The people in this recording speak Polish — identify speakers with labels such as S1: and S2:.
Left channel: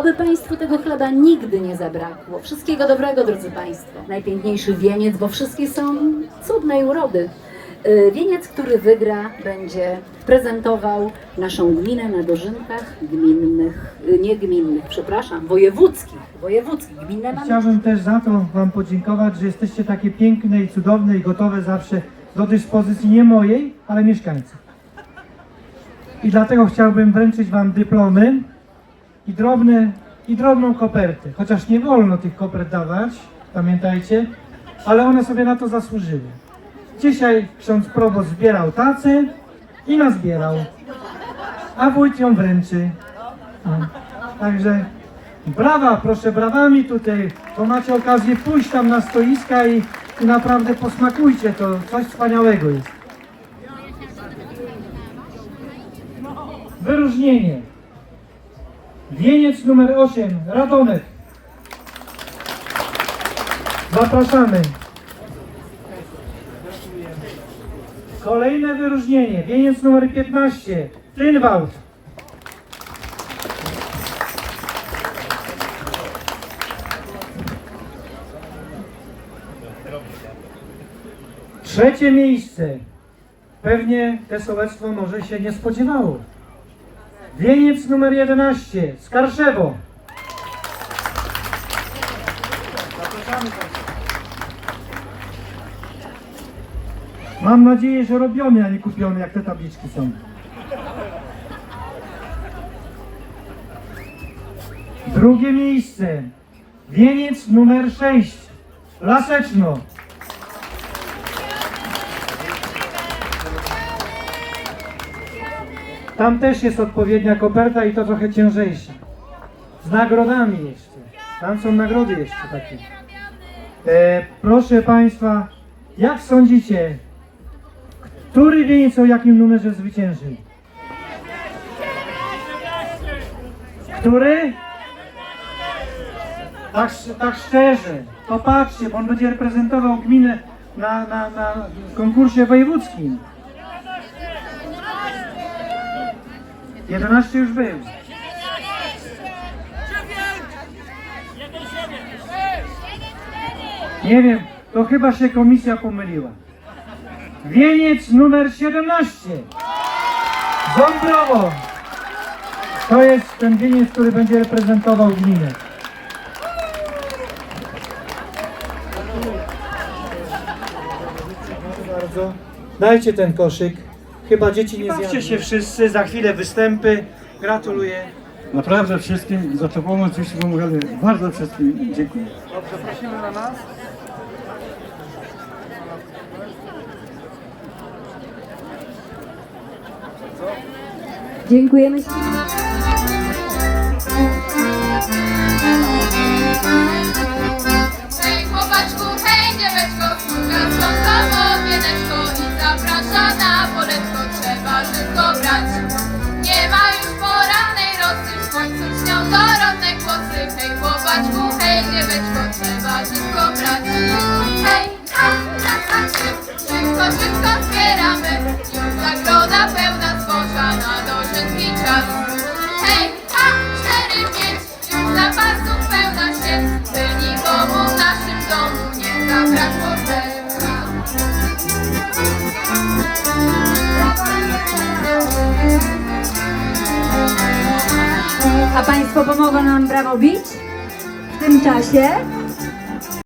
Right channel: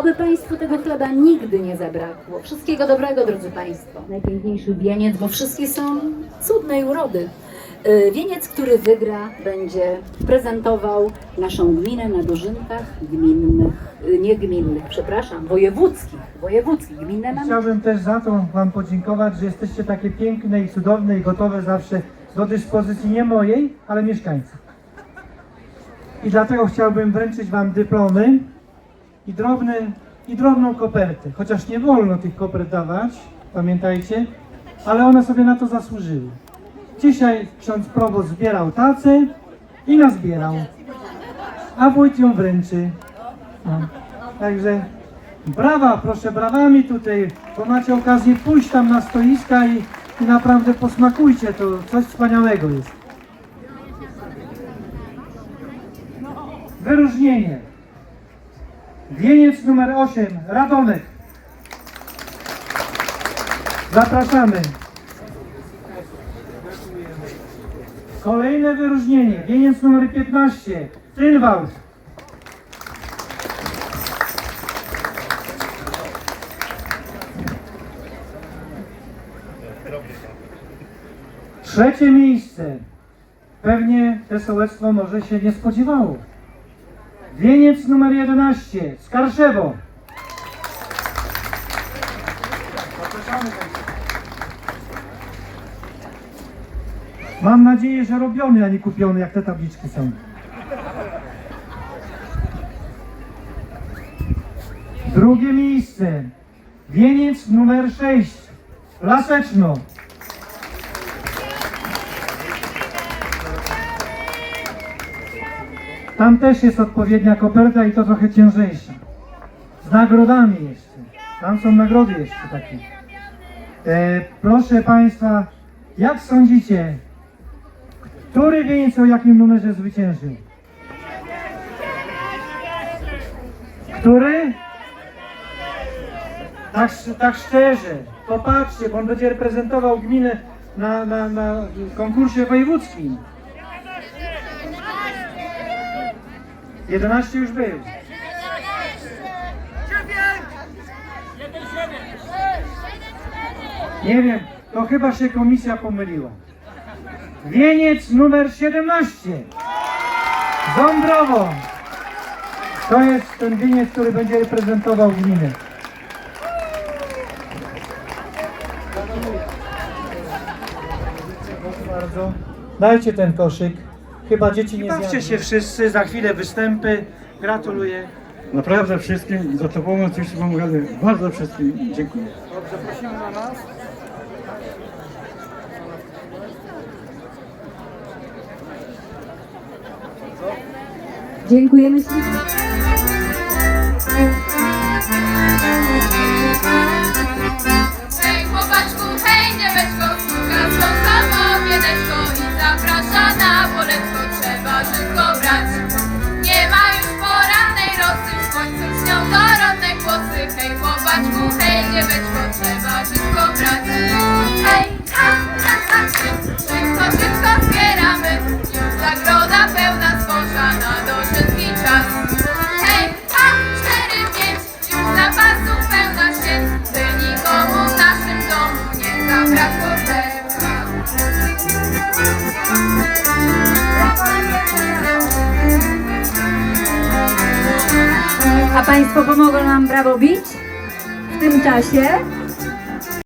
S1: Oby Państwu tego chleba nigdy nie zabrakło. Wszystkiego dobrego, drodzy Państwo. Najpiękniejszy wieniec, bo wszystkie są cudnej urody. Y, Wieniec, który wygra, będzie prezentował naszą gminę na dożynkach gminnych, y, nie gminnych, przepraszam, wojewódzkich, wojewódzkich. Gminne mamy
S2: Chciałbym też za to Wam podziękować, że jesteście takie piękne i cudowne i gotowe zawsze do dyspozycji nie mojej, ale mieszkańców. I dlatego chciałbym wręczyć Wam dyplomy i, drobne, i drobną kopertę. Chociaż nie wolno tych kopert dawać, pamiętajcie, ale one sobie na to zasłużyły. Dzisiaj ksiądz proboszcz zbierał tacę i nazbierał, a wójt ją wręczy. No. Także brawa, proszę brawami tutaj, bo macie okazję pójść tam na stoiska i, i naprawdę posmakujcie, to coś wspaniałego jest. Wyróżnienie. Wieniec numer 8, Radomek. Zapraszamy. Kolejne wyróżnienie. Wieniec numer 15, Trynwald. Trzecie miejsce. Pewnie te sołectwo może się nie spodziewało. Wieniec numer 11, Skarszewo. Mam nadzieję, że robione, a nie kupione, jak te tabliczki są. Drugie miejsce. Wieniec numer 6, Laseczno. Tam też jest odpowiednia koperta i to trochę ciężejsza. Z nagrodami jeszcze. Tam są nagrody jeszcze takie. E, proszę Państwa, jak sądzicie, który wieniec o jakim numerze zwyciężył? Który? Tak, tak szczerze, popatrzcie, bo on będzie reprezentował gminę na, na, na konkursie wojewódzkim. 11 już był. Nie wiem, to chyba się komisja pomyliła. Wieniec numer 17. Ząbrowo. To jest ten wieniec, który będzie reprezentował gminę. Proszę bardzo. Dajcie ten koszyk. Chyba dzieci nie Bawcie się wszyscy, za chwilę występy. Gratuluję.
S3: Naprawdę wszystkim za to pomoc już pomagamy. Bardzo wszystkim dziękuję.
S1: Dziękujemy.
S4: de. Państwo pomogą nam brawo bić w tym czasie.